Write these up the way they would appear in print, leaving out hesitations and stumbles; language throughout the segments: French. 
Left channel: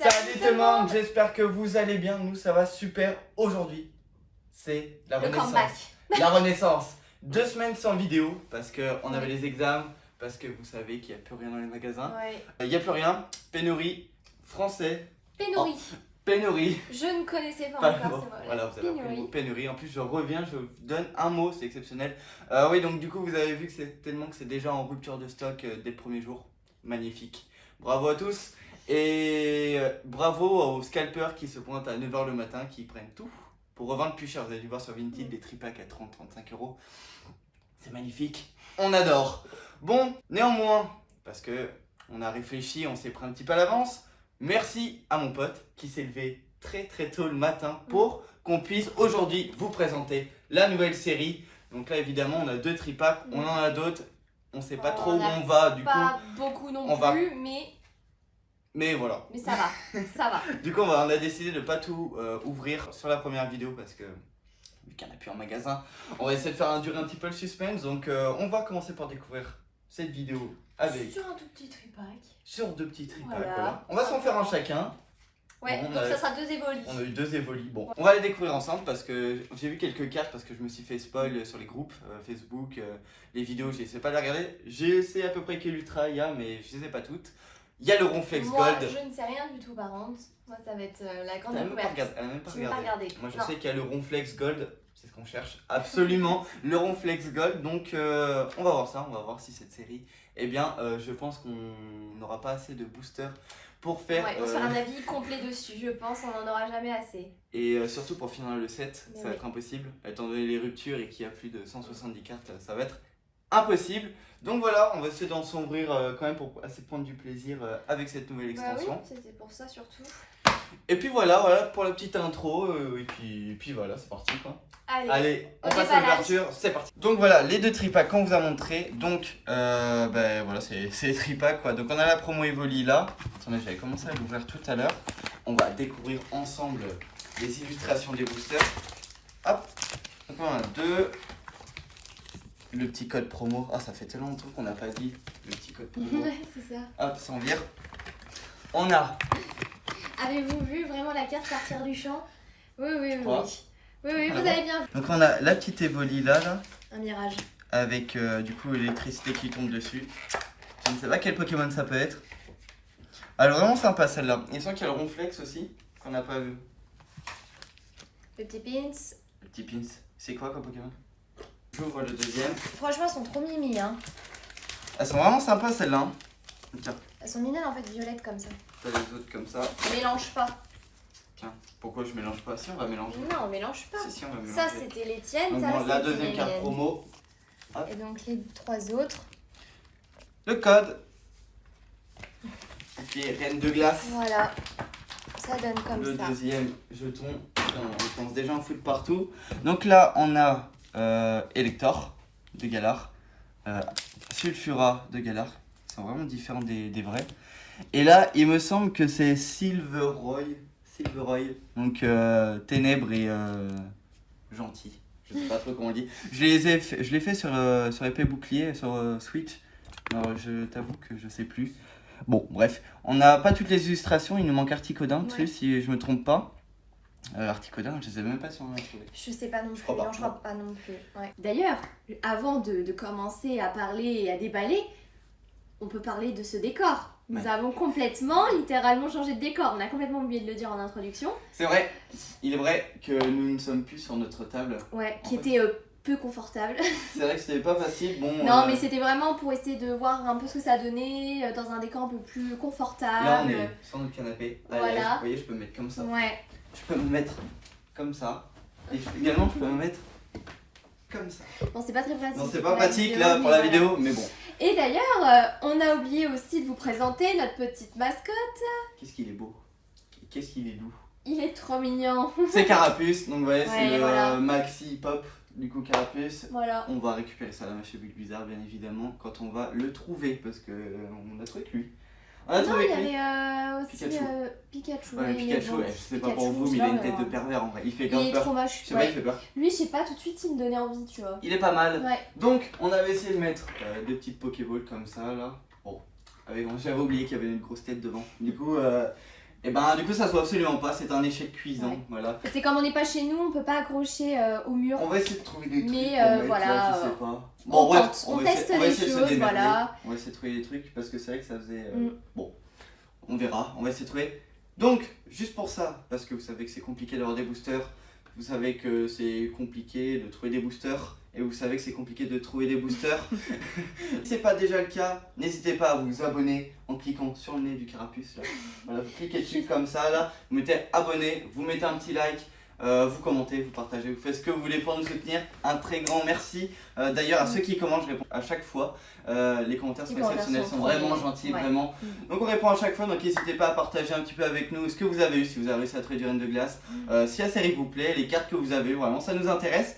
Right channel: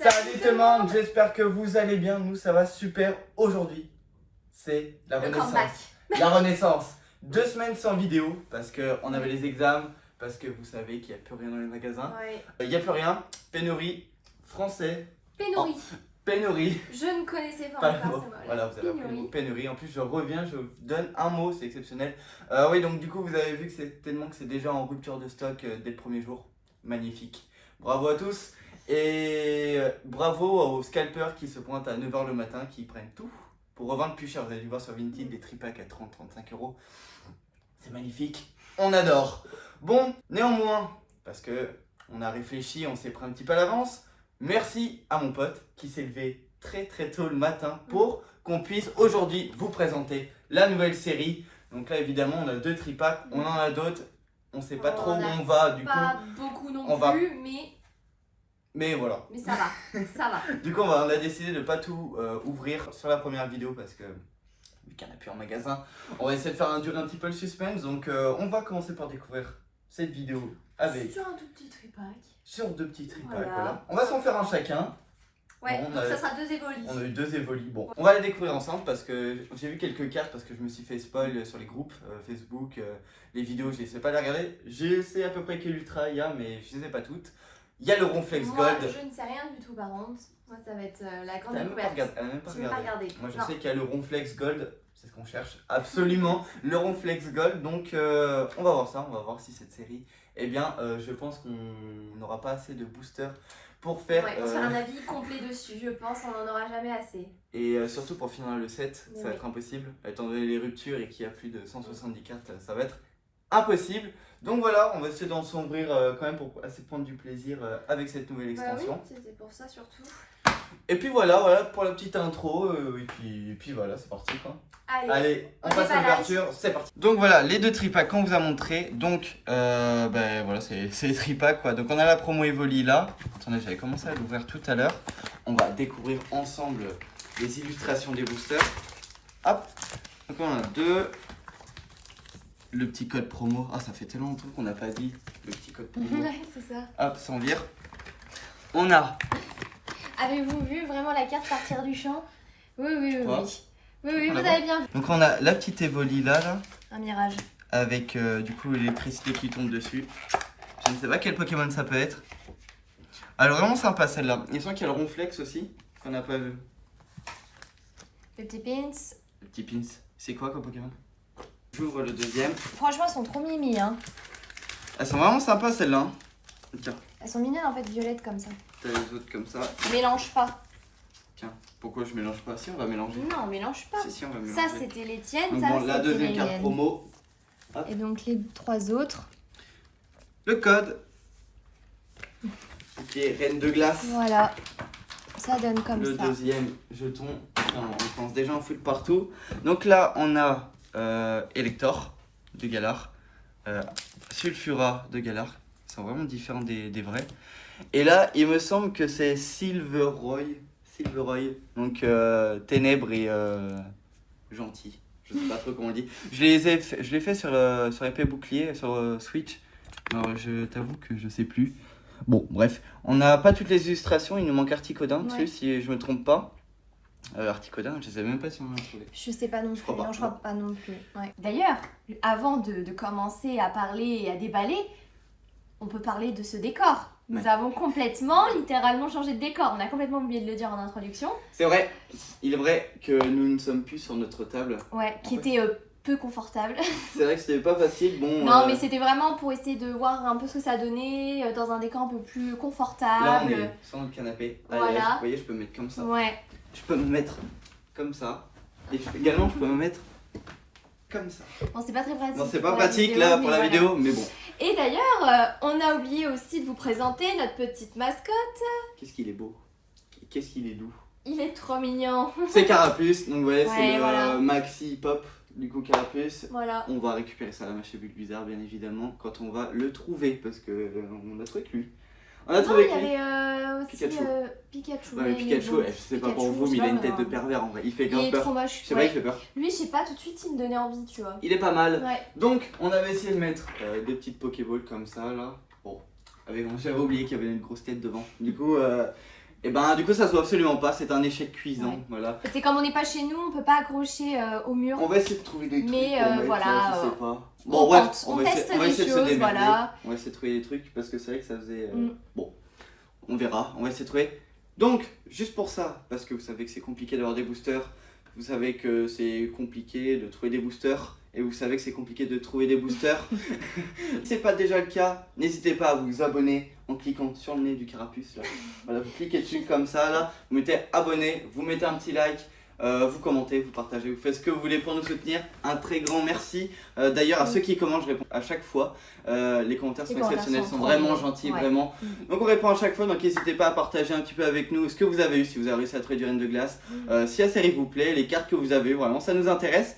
Salut tout le monde, j'espère que vous allez bien, nous ça va super. Aujourd'hui, c'est la renaissance. La renaissance. 2 semaines sans vidéo parce qu'on avait les examens, parce que vous savez qu'il n'y a plus rien dans les magasins. Il n'y a plus rien, pénurie, français. Pénurie. Pénurie. Je ne connaissais pas encore ce mot. Voilà, vous avez appris le mot pénurie. En plus, je reviens, je vous donne un mot, c'est exceptionnel. Oui, donc du coup, vous avez vu que c'est tellement que c'est déjà en rupture de stock dès le premier jour. Magnifique. Bravo à tous. Et bravo aux scalpers qui se pointent à 9h le matin, qui prennent tout pour revendre plus cher. Vous avez dû voir sur Vinted des tripacks à 30-35 euros. C'est magnifique. On adore. Bon, néanmoins, parce que on a réfléchi, on s'est pris un petit peu à l'avance. Merci à mon pote qui s'est levé très tôt le matin pour qu'on puisse aujourd'hui vous présenter la nouvelle série. Donc là évidemment on a 2 tripacks, on en a d'autres, on sait pas trop où on va du coup. Pas beaucoup non plus, mais voilà. Mais ça va, ça va. Du coup on a décidé de pas tout ouvrir sur la première vidéo parce que vu qu'il n'y en a plus en magasin, on va essayer de faire durer un petit peu le suspense. Donc on va commencer par découvrir cette vidéo avec sur un tout petit tripack. Sur 2 petits tripacks, voilà. On va s'en faire un chacun. Ouais, bon, donc ça sera 2 évolis. On a eu 2 évolis. Bon, on va les découvrir ensemble parce que j'ai vu quelques cartes parce que je me suis fait spoil sur les groupes Facebook, les vidéos, je sais pas les regarder. Je sais à peu près quel ultra il y a, mais je les ai pas toutes. Il y a le Ronflex Gold. Moi, je ne sais rien du tout par contre. Moi, ça va être la grande découverte. Elle n'a même pas regardé. Moi, je non. sais qu'il y a le Ronflex Gold. C'est ce qu'on cherche absolument, le Ronflex Gold. Donc, on va voir ça. On va voir si cette série, eh bien, je pense qu'on n'aura pas assez de boosters pour faire. Ouais, pour faire un avis complet dessus, je pense qu'on n'en aura jamais assez. Et surtout pour finir le set, ça va être impossible. Étant donné les ruptures et qu'il y a plus de 170 cartes, ça va être impossible. Donc voilà, on va essayer d'en s'ouvrir quand même pour assez prendre du plaisir avec cette nouvelle extension. Oui, c'était pour ça surtout. Et puis voilà pour la petite intro. Et puis voilà, c'est parti quoi. Allez, on passe à l'ouverture, c'est parti. Donc voilà, les 2 tripacks qu'on vous a montré. Donc ben voilà, c'est les tripacks quoi. Donc on a la promo Evoli là. Attendez, j'avais commencé à l'ouvrir tout à l'heure. On va découvrir ensemble les illustrations des boosters. Hop, donc on a 2. Le petit code promo. Ah, ça fait tellement longtemps qu'on n'a pas dit le petit code promo. Ouais, c'est ça. Hop, ça en vire. On a. Avez-vous vu vraiment la carte partir du champ? Oui, vous Ah, avez bien vu. Donc on a la petite Evoli là. Un mirage. Avec du coup l'électricité qui tombe dessus. Je ne sais pas quel Pokémon ça peut être. Elle est vraiment sympa celle-là. Il semble qu'il y a le Ronflex aussi, qu'on n'a pas vu. Le petit pins. Le petit Pins. C'est quoi comme Pokémon? J'ouvre le deuxième. Franchement, elles sont trop mimi, hein. Elles sont vraiment sympas celles-là. Hein. Tiens. Elles sont mignonnes en fait, violettes comme ça. T'as les autres comme ça. Mélange pas. Tiens, pourquoi je mélange pas? Si, on va mélanger. Non, mélange pas. Si, on va mélanger. Ça, c'était les tiennes. Donc ça, bon, la deuxième carte promo. Hop. Et donc les 3 autres. Le code. Ok, Reine de glace. Voilà. Ça donne comme ça. Le deuxième jeton. On pense déjà en foot partout. Donc là, on a Elector de Galar. Sulfura de Galar. Ils sont vraiment différents des vrais. Et là, il me semble que c'est Silveroy. Donc ténèbres et gentil. Je sais pas trop comment on dit. Je l'ai fait sur l'épée bouclier, sur Switch. Alors je t'avoue que je sais plus. Bon, bref. On n'a pas toutes les illustrations, il nous manque Articodin dessus, si je me trompe pas. Articodin, je sais même pas si on en a trouvé. Je sais pas non plus, je crois pas non plus. Ouais. D'ailleurs, avant de commencer à parler et à déballer, on peut parler de ce décor. Nous avons littéralement changé de décor. On a complètement oublié de le dire en introduction. C'est vrai, il est vrai que nous ne sommes plus sur notre table. Ouais, qui était peu confortable. C'est vrai que c'était pas facile. Bon, non, mais c'était vraiment pour essayer de voir un peu ce que ça donnait dans un décor un peu plus confortable. Là, on est sur notre canapé. Allez, voilà. Vous voyez, je peux me mettre comme ça. Ouais. Je peux me mettre comme ça. Et également, je peux me mettre comme ça. Bon, c'est pas très pratique. Non, c'est pas pratique là pour la vidéo, mais bon. Et d'ailleurs, on a oublié aussi de vous présenter notre petite mascotte. Qu'est-ce qu'il est beau. Qu'est-ce qu'il est doux. Il est trop mignon. C'est Carapuce, donc ouais, c'est le voilà. Maxi Pop du coup Carapuce. Voilà. On va récupérer ça à la machine Bulbizarre bien évidemment quand on va le trouver parce que on a trouvé que lui. On a trouvé que lui. Il y avait aussi Pikachu. Ouais, Pikachu, je sais pas pour vous, mais il a une tête de pervers en vrai. Il fait grave peur. Il est trop moche. Je sais pas, il fait peur. Lui, je sais pas, tout de suite, il me donnait envie, tu vois. Il est pas mal. Ouais. Donc, on avait essayé de mettre des petites Pokéballs comme ça là. Bon, j'avais oublié qu'il y avait une grosse tête devant. Du coup, Et ben du coup ça se voit absolument pas, c'est un échec cuisant, Ouais. voilà. C'est comme on n'est pas chez nous, on peut pas accrocher au mur. On va essayer de trouver des trucs Mais, pour mettre, voilà, là, je sais pas. on Bon bref, tente, on va teste on va des essayer de se choses, démerder. voilà. On va essayer de trouver des trucs parce que c'est vrai que ça faisait... Mm. Bon, on verra, on va essayer de trouver. Donc, juste pour ça, parce que vous savez que c'est compliqué d'avoir des boosters, vous savez que c'est compliqué de trouver des boosters, et vous savez que c'est compliqué de trouver des boosters. Si c'est pas déjà le cas, n'hésitez pas à vous abonner en cliquant sur le nez du carapuce là. Voilà, vous cliquez dessus comme ça là, vous mettez abonné, vous mettez un petit like, vous commentez, vous partagez, vous faites ce que vous voulez pour nous soutenir. Un très grand merci. D'ailleurs à ceux qui commentent, je réponds à chaque fois. Les commentaires sont exceptionnels, sont vraiment gentils, vraiment. Donc on répond à chaque fois, donc n'hésitez pas à partager un petit peu avec nous ce que vous avez eu, si vous avez réussi à trouver du Reine de Glace, si la série vous plaît, les cartes que vous avez, vraiment ça nous intéresse.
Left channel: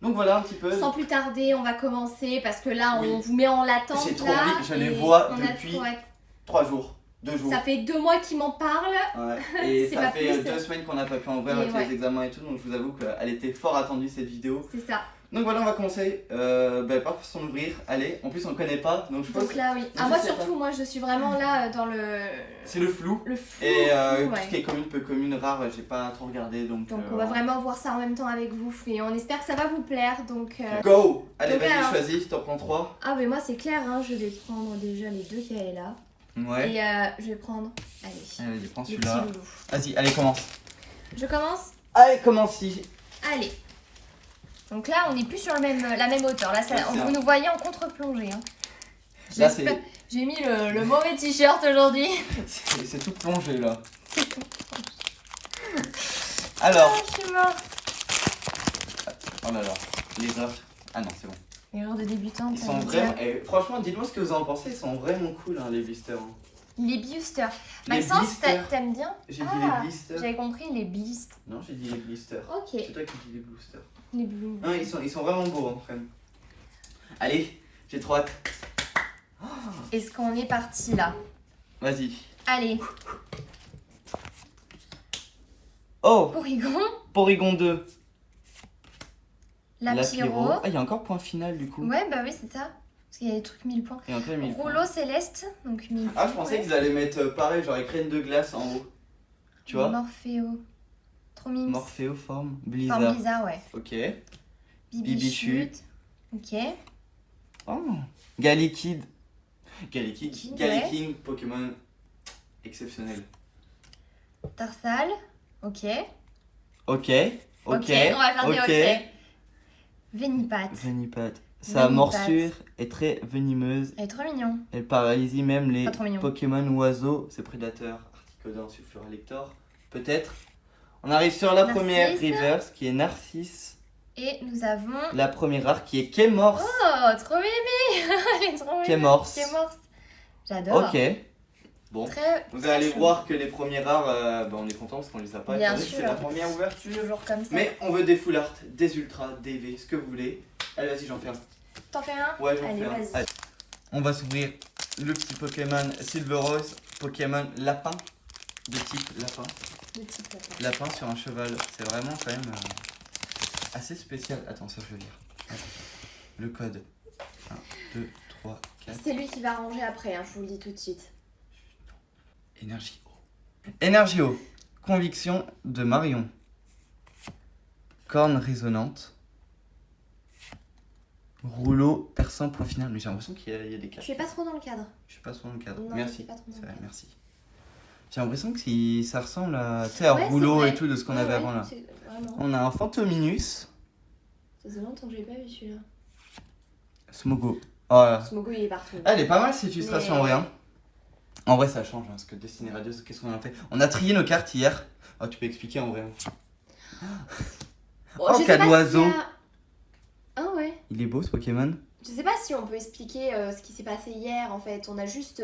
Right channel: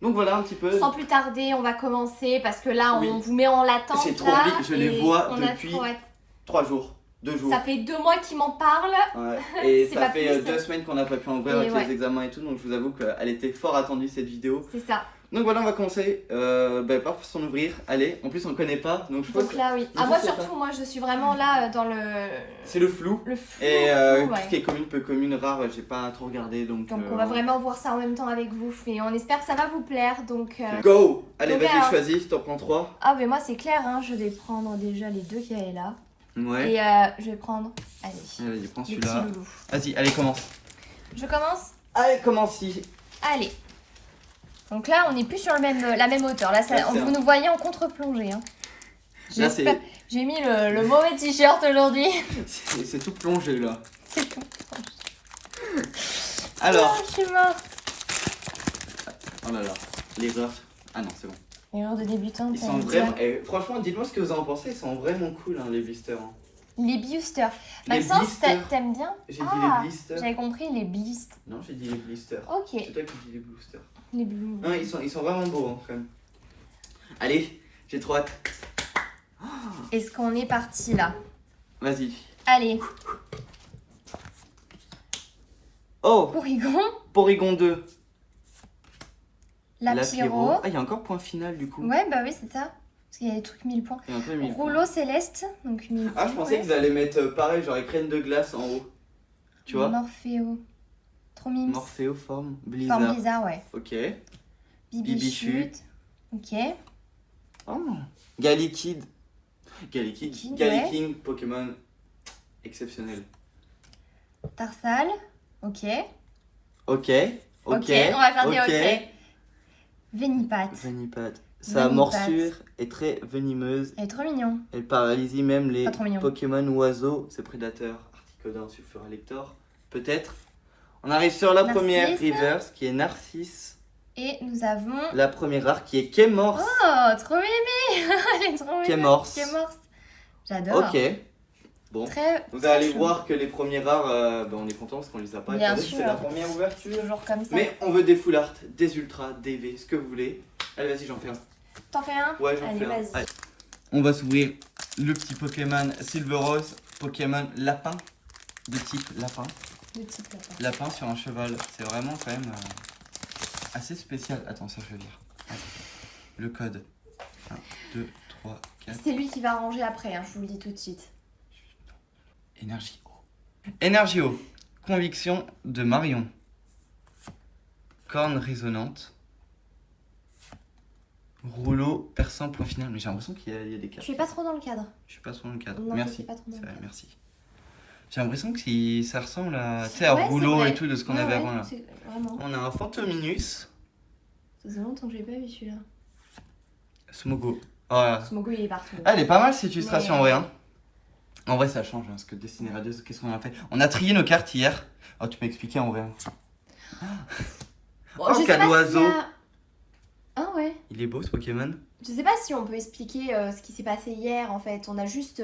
Donc voilà un petit peu. Sans plus tarder, on va commencer parce que là, on Oui. vous met en latence. J'ai trop là, envie, je les et vois on a depuis trop hâte. 3 jours, 2 jours. Ça fait 2 mois qu'ils m'en parlent. Ouais. Et C'est ça pas fait plus. 2 semaines qu'on n'a pas pu en ouvrir Et avec ouais. les examens et tout, donc je vous avoue qu'elle était fort attendue cette vidéo. C'est ça. Donc voilà, on va commencer par son ouvrir. Allez, en plus on ne connaît pas, donc je pense Donc là, oui. je Moi sais surtout, moi je suis vraiment là dans le c'est le flou. flou. Et flou, tout ouais. ce qui est commune, peu commune, rare, j'ai pas trop regardé donc. Donc on va vraiment voir ça en même temps avec vous et on espère que ça va vous plaire. Donc Go! Allez, donc, vas-y, alors. choisis, t'en prends 3. ah mais moi c'est clair, hein, je vais prendre déjà les 2 qu'il y avait là Ouais. et je vais prendre allez Vas-y, prends le petit celui-là. loulou. Vas-y, allez, commence. Je commence. Allez, commence-y. Allez. Donc là, on n'est plus sur la même hauteur. Là, ça, Ouais, c'est vous un- nous voyez en contre-plongée. Hein. Là, c'est J'ai mis le mauvais t-shirt aujourd'hui. c'est tout plongé là. C'est tout. Alors, Ah, je suis morte. oh là là, l'erreur. Ah non, c'est bon. Erreur de débutante. Ils sont vraiment. Franchement, dites-moi ce que vous en pensez, ils sont vraiment cool hein, les blisters. Hein. Les boosters. Les Maxence, blisters. t'aimes bien? J'ai dit Ah, les blisters. j'avais compris les blisters. Non, j'ai dit les blisters. Ok. C'est toi qui dis les blisters. Les blue. Non, ils sont vraiment beaux hein, quand même. Allez, j'ai trop hâte. Est-ce qu'on est parti là? Vas-y. Allez, Oh, Porygon, Porygon 2. Lapiro. Ah, il y a encore point final du coup. Ouais, bah oui, c'est ça. Parce qu'il y a des trucs 1000 points. Il y a encore 1000 points. Rouleau céleste, donc 1000 points. Ah, je pensais qu'ils allaient mettre pareil, genre écrène de glace en haut. Tu vois? Morphéo. Trop mimes. Morphéoforme, Blizzard. Forme bizarre, ouais. Ok. Bibichute. Ok. Oh. Galikid. Galikid. Kid, Galiking, Pokémon exceptionnel. Tarsal. Ok. Ok. Ok, on va faire des ok. ok. Vénipat. Venipat. Sa Venipat. morsure est très venimeuse. Elle est trop mignon. Elle paralyse même les Pas trop mignon. Pokémon oiseaux, ses prédateurs. Articodon, Sulfurlector. Peut-être. On arrive sur la Narcisse. première reverse qui est Narcisse. Et nous avons. La première rare qui est Kémors. Oh, trop mimi. Elle est trop mimi. Kémors. Kémors. J'adore. Ok. Bon. Très. Vous très allez chou. voir que les premières rares, on est content parce qu'on les a pas. Bien étant donné que sûr. C'est la première ouverture. Toujours comme ça. Mais on veut des full art, des ultras, des V, ce que vous voulez. Allez, vas-y, j'en fais un. T'en fais un? Ouais, j'en Allez, fais un. vas-y. Allez. On va s'ouvrir le petit Pokémon Silver Rose, Pokémon lapin, de type lapin. Le petit lapin. Lapin sur un cheval, c'est vraiment quand même assez spécial. Attends, ça je vais lire. Attends. Le code 1, 2, 3, 4. C'est lui qui va ranger après, hein, je vous le dis tout de suite. Énergie O. Énergie O. Conviction de Marion. Corne résonante. Rouleau perçant point final. Mais j'ai l'impression qu'il y a des cartes. Tu es pas trop dans le cadre. Je suis pas trop dans le cadre. Non, Merci. tu es pas trop dans le C'est vrai, cadre. merci. J'ai l'impression que ça ressemble à, tu sais, à Ouais, rouleau c'est vrai. et tout de ce qu'on Ouais, avait ouais, avant là. c'est- Vraiment. On a un Fantominus. Ça fait longtemps que j'ai pas vu celui-là. Smogo. Oh là. Smogo il est partout. Elle est pas mal cette illustration Mais- en vrai. Hein. En vrai ça change hein, parce que Destiny Radieuse, qu'est-ce qu'on a fait? On a trié nos cartes hier. Oh tu peux expliquer en vrai. Oh, Oh, je sais quel pas oiseau. s'il y a... Ah ouais. Il est beau ce Pokémon. Je sais pas si on peut expliquer ce qui s'est passé hier en fait. On a juste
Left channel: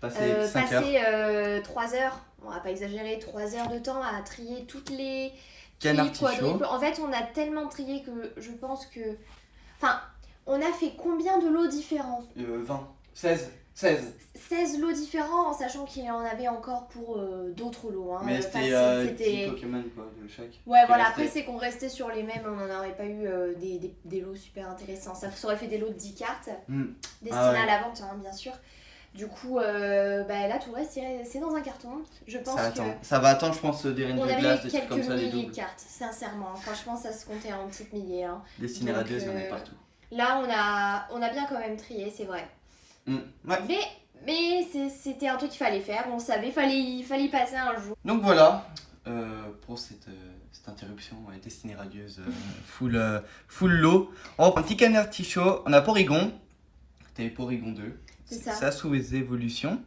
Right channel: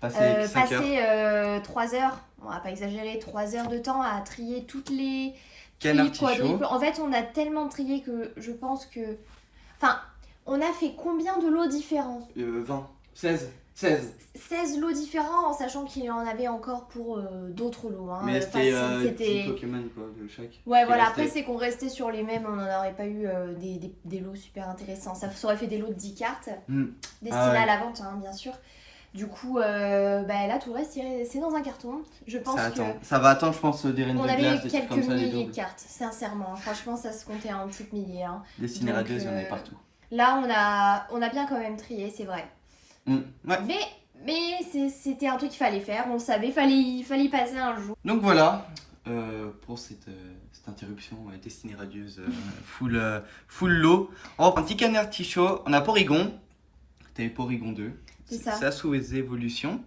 Passé 5 heures. passé 3 heures, on va pas exagérer, 3 heures de temps à trier toutes les Canard trier Tichot. quadruples. En fait, on a tellement trié que je pense que. Enfin, on a fait combien de lots différents? 20. 16. 16. 16 lots différents en sachant qu'il en avait encore pour d'autres lots. Hein. Mais Facile, c'était 10 Pokémon quoi de chaque. Ouais, qui voilà, restaient. après c'est qu'on restait sur les mêmes, on n'en aurait pas eu des lots super intéressants. Ça aurait fait des lots de 10 cartes, Hmm. destinés Ah ouais. à la vente, hein, bien sûr. Du coup, là, tout le reste, c'est dans un carton. Je pense Ça que attend. Ça va attendre, je pense, des reines on de avait glace, des trucs quelques comme ça, des milliers de doubles. cartes, sincèrement. Franchement, ça se comptait en petites milliers. Hein. Destinées Donc, radieuses, il y en avait partout. Là, on a bien quand même trié, c'est vrai. Ouais. Mais c'était un truc qu'il fallait faire, on savait, il fallait y passer un jour. Donc voilà, pour cette interruption destinée radieuse, full lot. On reprend un petit canard tichot, on a Porygon, t'avais Porygon 2, C'est ça. ça sous les évolutions.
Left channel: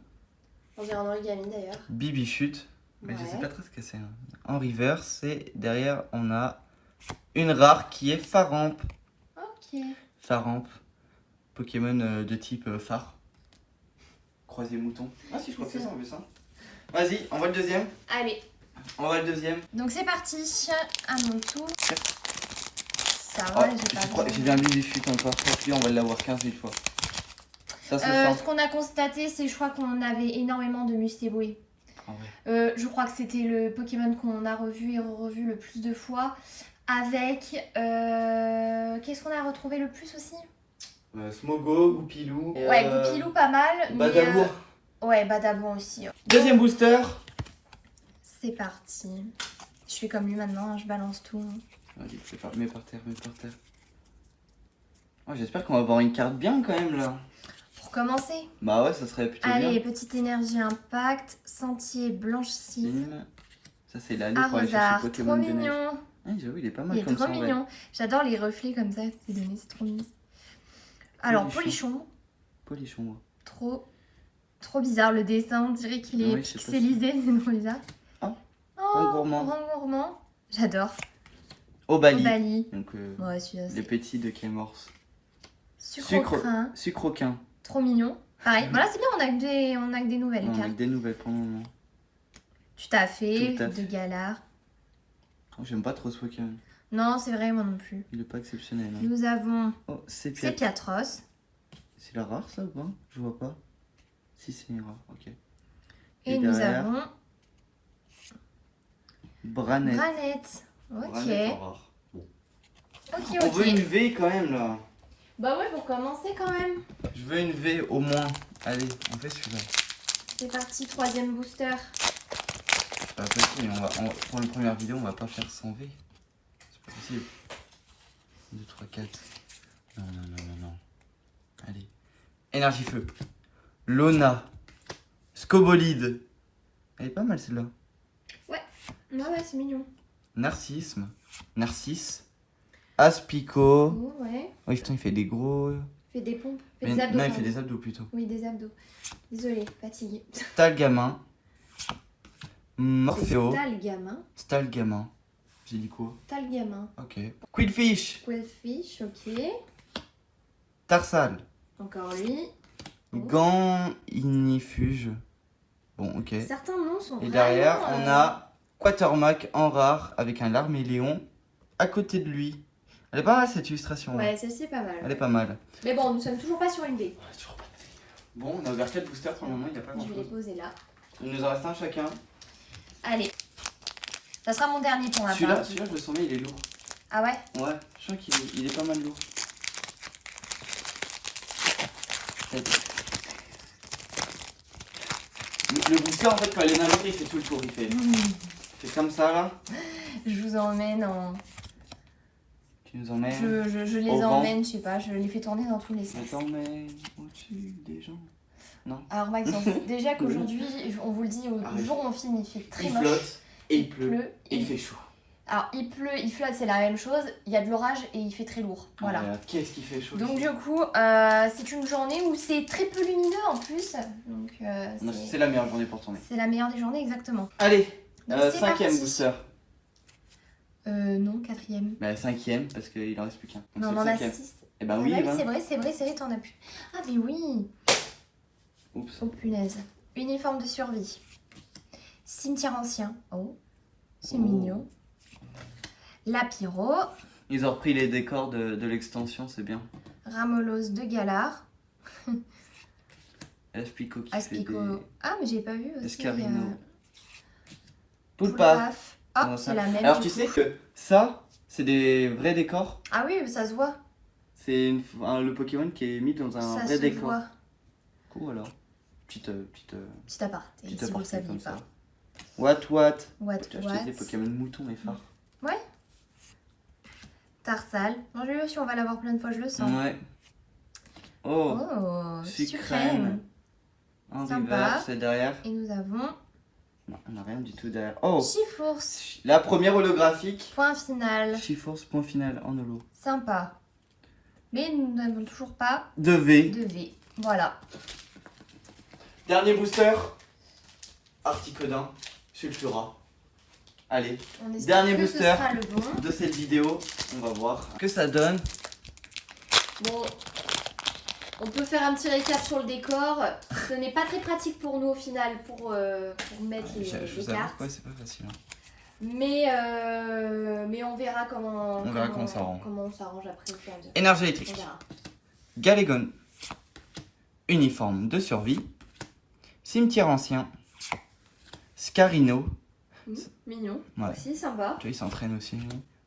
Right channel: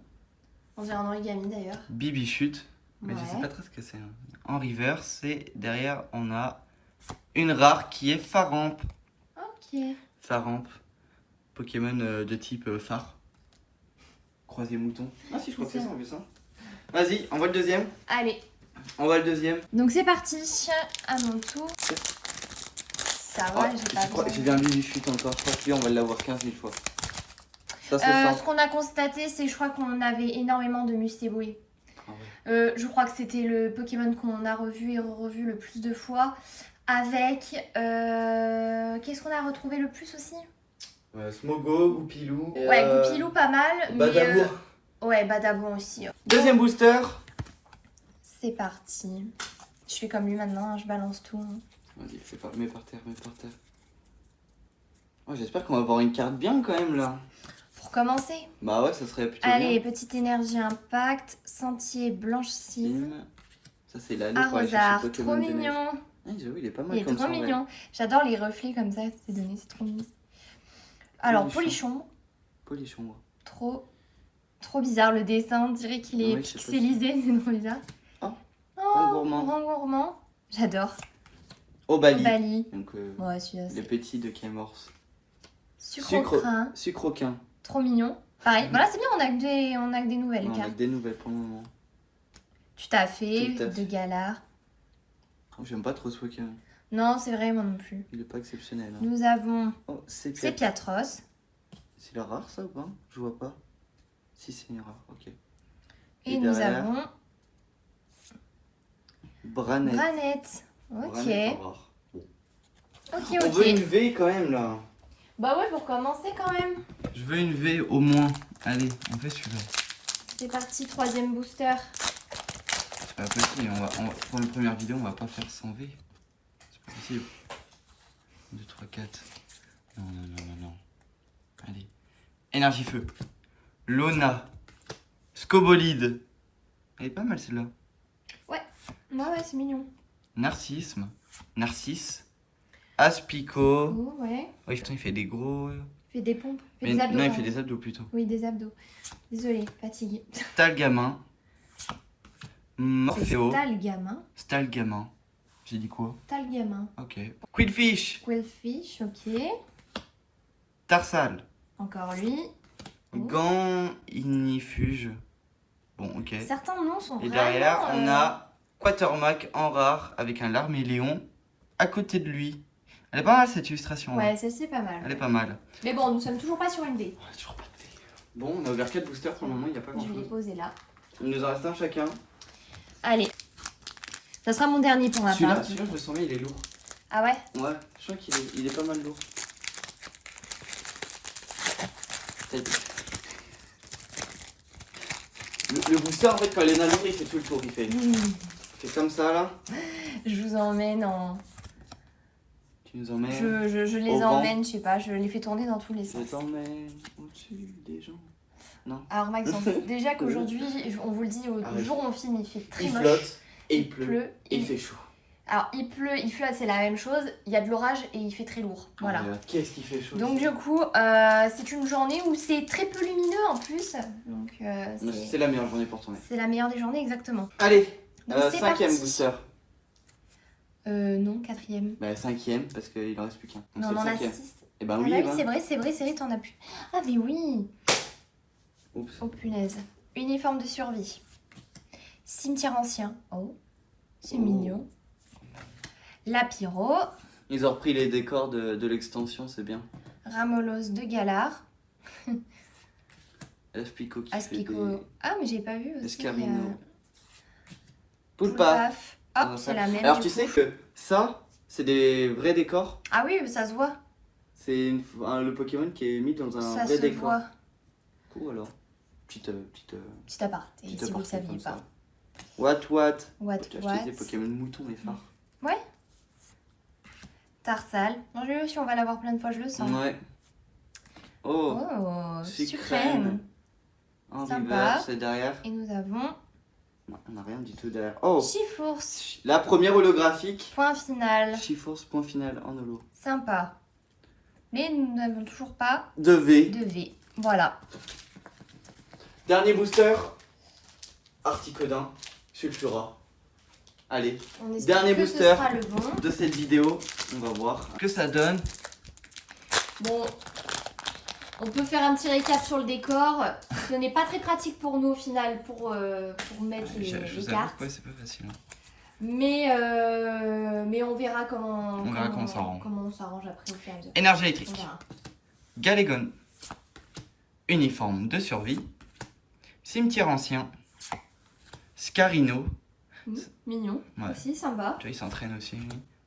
On dirait un origami d'ailleurs. Bibichute, mais je Ouais. sais pas très ce que c'est. Hein. En reverse, et derrière on a une rare qui est Faramp. Ok. Faramp, Pokémon de type phare. Croisé mouton. Ah si, je crois que c'est ça, on veut ça. Vas-y, on voit le deuxième. Allez. On voit le deuxième. Donc c'est parti, à mon tour. Ça va, j'ai pas besoin. J'ai bien Bibichute encore, on va l'avoir 15 000 fois. Ça se sent. Ce qu'on a constaté, c'est je crois qu'on avait énormément de Mustéboué. Ah ouais. Je crois que c'était le Pokémon qu'on a revu et revu le plus de fois. Avec. Qu'est-ce qu'on a retrouvé le plus aussi? Smogo, Goupilou. Ouais, Goupilou pas mal. Badabour. Ouais, Badabour aussi. Deuxième booster. C'est parti. Je fais comme lui maintenant, hein, je balance tout. Vas-y, mets par terre, mets par terre. Oh, j'espère qu'on va avoir une carte bien quand même là. Pour commencer. Bah ouais, ça serait plutôt Allez, bien. petite énergie impact, sentier blanchissime, Ça c'est l'allée pour aller chercher arrosard, Pokémon trop de neige. mignon. Ah, j'avoue, il est pas mal Il est comme trop ça, ouais. mignon. J'adore les reflets comme ça, c'est donné, c'est trop mignon. Alors, Polichon. Polichon, Polichon, moi. trop bizarre le dessin, on dirait qu'il est Oui, c'est pixelisé, c'est trop bizarre. Oh, Oh, gourmand. grand gourmand. J'adore. Obali. Obali. Donc Ouais, celui-là, les c'est petits de Kémorse. sucre-crin. Sucroquin. Trop mignon. Pareil, voilà, c'est bien, on a que des nouvelles On a cartes. des nouvelles pour le moment. Tu t'as fait, Tout à fait. de galard. Oh, j'aime pas trop ce Pokémon. Non, c'est vrai, moi non plus. Il est pas exceptionnel. Hein. Nous avons Oh, c'est Piatros. C'est le rare ça ou pas? Je vois pas. Si c'est une rare, ok. Et nous derrière, avons Branette. Granette. Ok. Branette en rare. Ok, On veut une ok. V quand même là. Bah ouais, pour commencer quand même. Je veux une V au moins. Allez, on fait celui-là. C'est parti, troisième booster. C'est pas possible, pour une première vidéo, on va pas faire sans V. C'est pas possible. 2, 3, 4. Non, non, non, non, non. Allez. Énergie feu. Lona. Scobolide. Elle est pas mal celle-là. Ouais, c'est mignon. Narcisse. Aspico. Oh, ouais. Oui, putain, il fait des gros. Fait des pompes. Fait Mais- des abdos. non, il pardon. fait des abdos plutôt. Oui, des abdos. Désolée, fatiguée. Stalgamin. Morpheo. Stalgamin. Stalgamin. J'ai dit quoi? Stalgamin. Ok. Quillfish. Quillfish, ok. Tarsal. Encore lui. Oh. Gantinifuge. Bon, ok. Certains noms sont Et vraiment... derrière, on a Quatermac en rare avec un larméléon à côté de lui. Elle est pas mal cette illustration. Ouais, hein. celle-ci est pas mal. Elle est pas mal. Mais bon, nous sommes toujours pas sur une D. Ouais, toujours pas de V. Bon, on a ouvert 4 boosters pour le moment, il n'y a pas Je grand vais les chose. poser là. Il nous en reste un chacun. Allez. Ça sera mon dernier pour ma part. Celui-là, je le sens, mais il est lourd. Ah ouais? Ouais, je crois qu'il est pas mal lourd. Le booster, en fait, quand il est navigué, il fait tout le tour. Il fait comme ça, là. Je vous emmène en... Tu nous emmènes. Je les au vent. emmène, je sais pas, je les fais tourner dans tous les Je sens. t'emmène au-dessus des gens. Alors Maxence, déjà qu'aujourd'hui, on vous le dit, au Arrête. jour où on filme, il fait très Il moche. flotte, et il pleut, et il il- fait chaud. Alors il pleut, il flotte, c'est la même chose. Il y a de l'orage et il fait très lourd. Voilà. Qu'est-ce qui fait chaud? Donc du coup, c'est une journée où c'est très peu lumineux en plus. Donc C'est la meilleure journée pour tourner. c'est la meilleure des journées exactement. Allez, Donc c'est cinquième parti. booster. Non, quatrième. Bah, cinquième, parce qu'il en reste plus qu'un. Donc Non, c'est on en le a cinquième. 6. Eh ben Ah oui, bah oui, ouais. c'est vrai, t'en as plus. Ah mais oui. Oups. Oh punaise. Uniforme de survie. Cimetière ancien. Oh, c'est Oh. mignon. Lapiro. Ils ont repris les décors de l'extension, c'est bien. Ramolos de Galard. Aspico qui Aspico. fait des... Ah mais j'ai pas vu aussi. Escarino. Poulpa. Poulpaf. Ah, c'est la même. Alors du tu coup. sais que ça, c'est des vrais décors. Ah oui, ça se voit. C'est le Pokémon qui est mis dans un Ça vrai se décor. voit. Cool alors. Petit aparté, petit si vous le aparté saviez comme pas. ça. What What. J'ai acheté des Pokémon moutons mais phares. Ouais. Tarsal. Non, lui aussi, on va l'avoir plein de fois, je le sens. Ouais. Oh, Oh, Sucrène. sucrène. En Sympa. reverse, c'est derrière. Et nous avons Non, on n'a rien du tout derrière. Oh, Chifours. la première holographique. Point final. Chiforce, point final en holo. Sympa. Mais nous n'avons toujours pas 2V. de V. Voilà. Dernier booster. Articodin, Sulfura. Allez, On espère dernier que booster ce sera le bon. de cette vidéo. On va voir que ça donne. Bon, on peut faire un petit récap sur le décor. Ce n'est pas très pratique pour nous au final pour mettre les cartes. Ouais, c'est pas facile. Hein. Mais on verra comment comment on s'arrange. comment on s'arrange après au fur et à mesure. Énergie On électrique. verra. Galégon. Uniforme de survie. Cimetière ancien. Scarino. Mignon. Ouais. Aussi sympa. Tu vois, il s'entraîne aussi.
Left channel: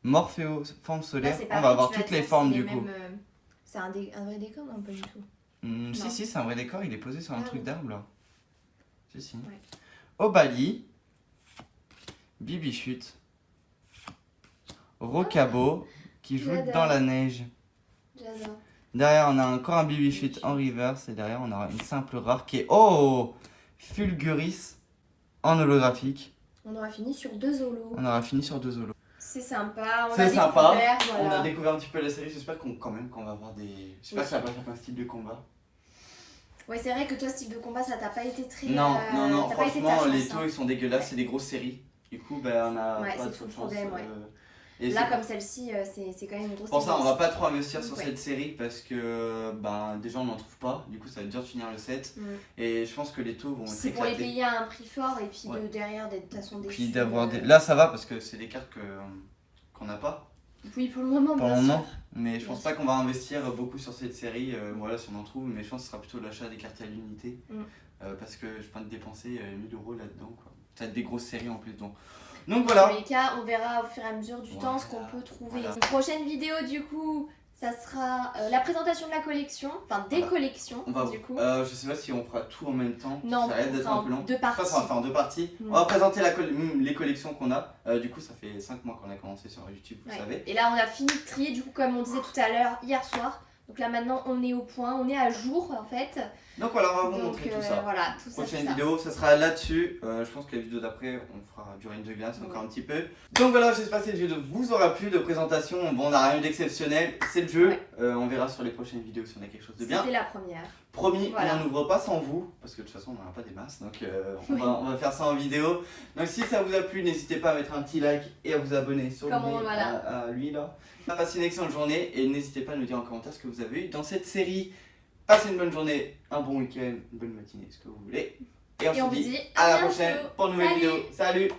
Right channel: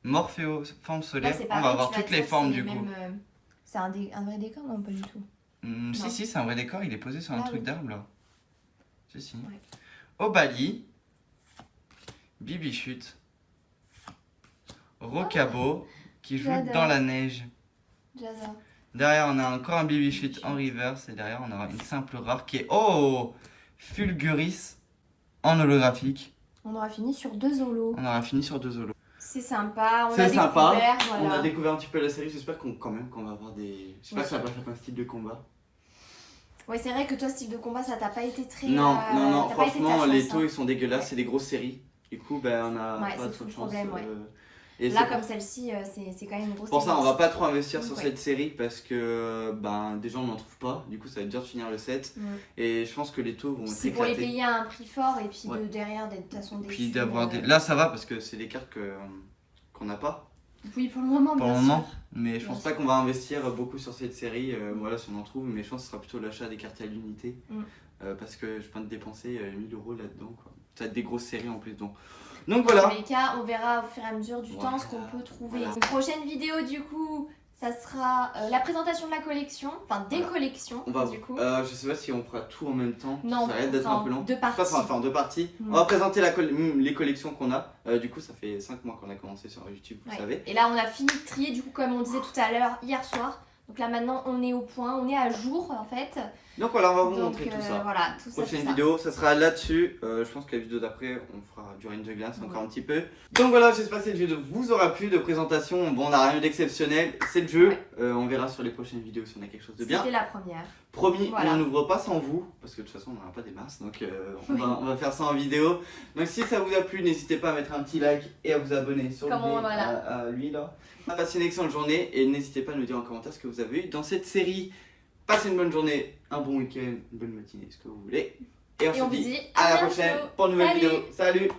Morphéo, forme Là, solaire. c'est On pareil, va avoir tu vas toutes les dire, formes c'est du coup. même, c'est un vrai décor, non, pas du tout. Non. Si, c'est un vrai décor. Il est posé sur un Ah truc oui. d'arbre là. Si. Ouais. Obali. Bibichute. Rocabo. Qui joue J'adore. dans la neige. J'adore. Derrière, on a encore un Bibichute en reverse. Et derrière, on aura une simple rare qui est. Oh, Fulguris en holographique. On aura fini sur 2 holos. On aura fini sur 2 holos. C'est sympa. On C'est a sympa. découvert, On voilà. a découvert un petit peu la série. J'espère qu'on va avoir des. J'espère que ça va pas faire un style de combat. Ouais, c'est vrai que toi, style de combat, ça t'a pas été très. Non, t'as pas été ta franchement, chance, les hein. taux ils sont dégueulasses. C'est des grosses séries. Du coup, ben, on a Ouais, pas c'est trop tout de le chance. problème, ouais. Et Là, c'est comme celle-ci, c'est quand même une grosse. pour ça, on va pas trop investir sur Ouais. cette série parce que ben, déjà on n'en trouve pas. Du coup, ça va être dur de finir le set. Mm. Et je pense que les taux vont C'est pour les s'éclater. payer à un prix fort et puis Ouais. de derrière d'être de toute façon déçus. Puis d'avoir des. Là, ça va parce que c'est des cartes qu'on n'a pas Oui, pour le moment, pour le bien moment. sûr. Mais je Bien pense pas qu'on va investir beaucoup sur cette série. Voilà, si on en trouve. Mais je pense que ce sera plutôt l'achat des cartes à l'unité. Parce que je pense dépenser 1000 € là-dedans. Ça va être des grosses séries en plus. Donc Dans voilà. tous les cas, on verra au fur et à mesure du temps ce qu'on peut trouver. Voilà. Une prochaine vidéo, du coup, ça sera la présentation de la collection, enfin des Voilà. collections, On va, du coup. je sais pas si on fera tout en même temps. Non, ça risque d'être un peu long. 2 Je pense qu'on va parties. faire en 2 parties. Mm. On va présenter les collections qu'on a. Du coup, ça fait 5 mois qu'on a commencé sur YouTube, vous Ouais. savez. Et là, on a fini de trier, du coup, comme on disait tout à l'heure, hier soir. Donc là, maintenant, on est au point, on est à jour, en fait. Donc voilà, on va vous Donc, montrer tout ça. Voilà, tout ça. Prochaine tout ça. vidéo, ça sera là-dessus. Je pense que la vidéo d'après, on fera du Range Glass encore Ouais. un petit peu. Donc voilà, j'espère que cette vidéo vous aura plu de présentation. Bon, on n'a rien d'exceptionnel, c'est le jeu. Ouais. On verra sur les prochaines vidéos si on a quelque chose de bien. C'était la première. Promis, Voilà. on n'ouvre pas sans vous, parce que de toute façon on n'aura pas des masses, donc Oui. on va faire ça en vidéo. Donc si ça vous a plu, n'hésitez pas à mettre un petit like et à vous abonner sur Comme le voilà. à lui là. Passez une excellente journée et n'hésitez pas à nous dire en commentaire ce que vous avez eu dans cette série. Passez une bonne journée, un bon week-end, une bonne matinée, ce que vous voulez. Et on se vous dit dit à la bientôt. prochaine pour une nouvelle Salut. vidéo. Salut!